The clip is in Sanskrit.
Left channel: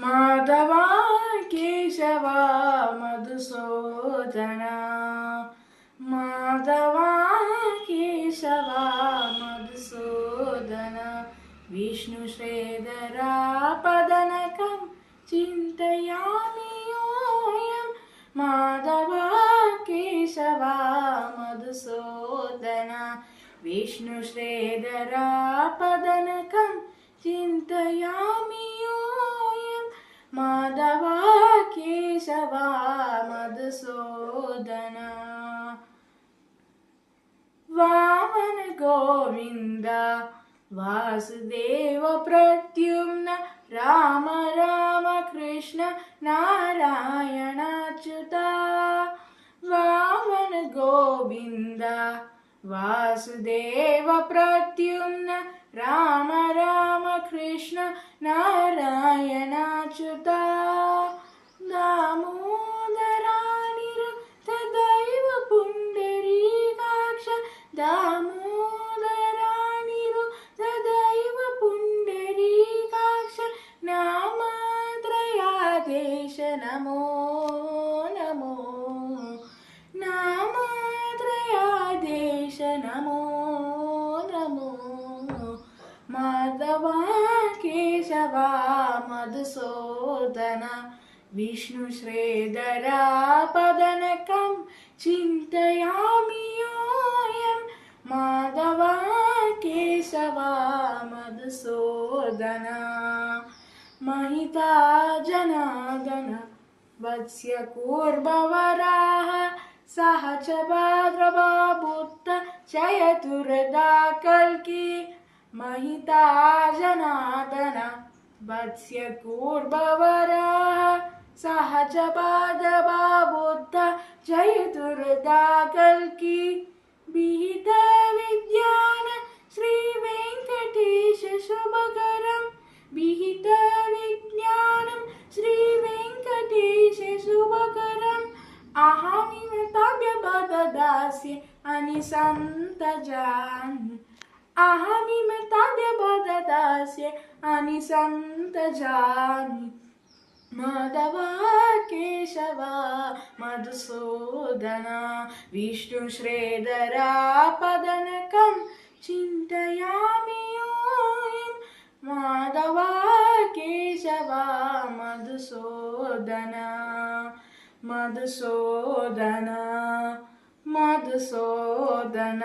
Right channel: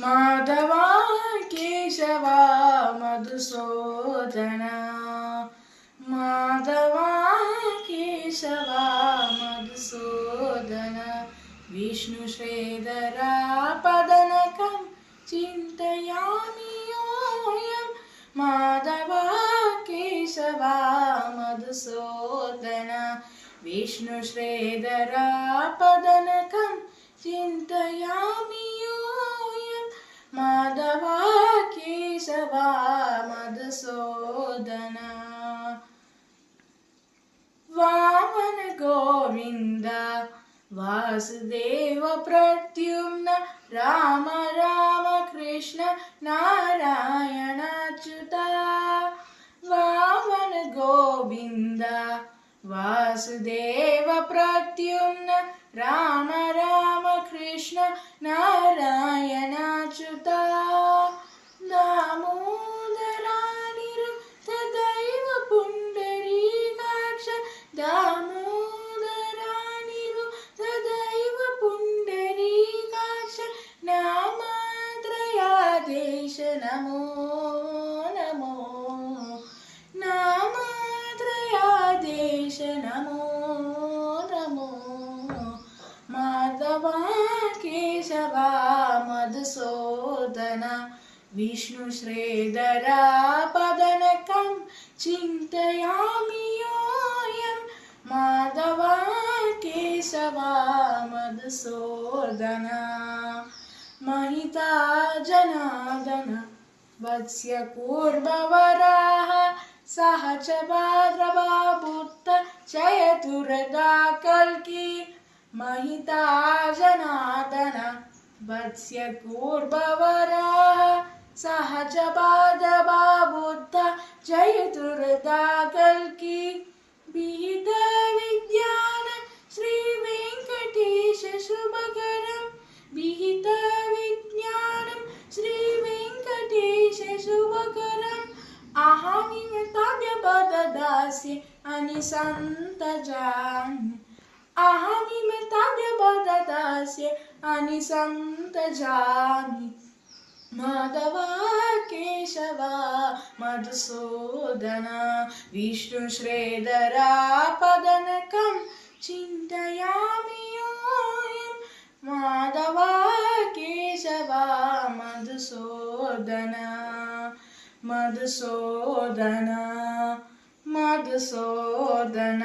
माधवा केशवा मधुसूदन माधवा केशवा मधुसूदन विष्णुश्रीधरा पदनकं चिन्तयामि योऽयं माधवा केशवा मधुसूदन विष्णुश्रीधरा पदनकं चिन्तयामि योऽयं माधवा केशवा मधुसूदन वामन गोविन्द वासुदेव प्रद्युम्न राम राम कृष्ण नारायण अच्युता वामन गोविन्द वासुदेव प्रद्युम्न राम राम कृष्ण नारायण अच्युता दामोदरानिरुद्धदैव पुण्डरीकाक्ष दामोदरानिरुद्धदैव पुण्डरीकाक्ष नामत्रयादेश नमो नमो नामत्रयादेश नमो नमो माधवा केशवा मधुसूदन विष्णुश्रीधरा पदनकं चिन्तयामि योऽयं माधवा केशवा मधुसूदन महिता जनार्दन वत्स्य कूर्मवराः सह च भाद्रवा बुद्ध चयतुर्दा कल्की महिता जनार्दन वत्स्य कूर्मवराः सह च भाद्रवा बुद्ध चयतुर्दा कल्की विहित विज्ञान श्री वेंकटेश शुभकरं विहित विज्ञानं श्री वेंकटेश शुभकरम् अहमिमताव्यपददास्ये अनिसन्तजामि अहमिमताव्यपददास्ये अनिसन्तजामि माधवा केशवा मधुसूदन विष्णुश्रीधरा पदनकं चिन्तयामि योऽयं माधवा केशवा मधुसूदन मधुसूदन मधुसूदन।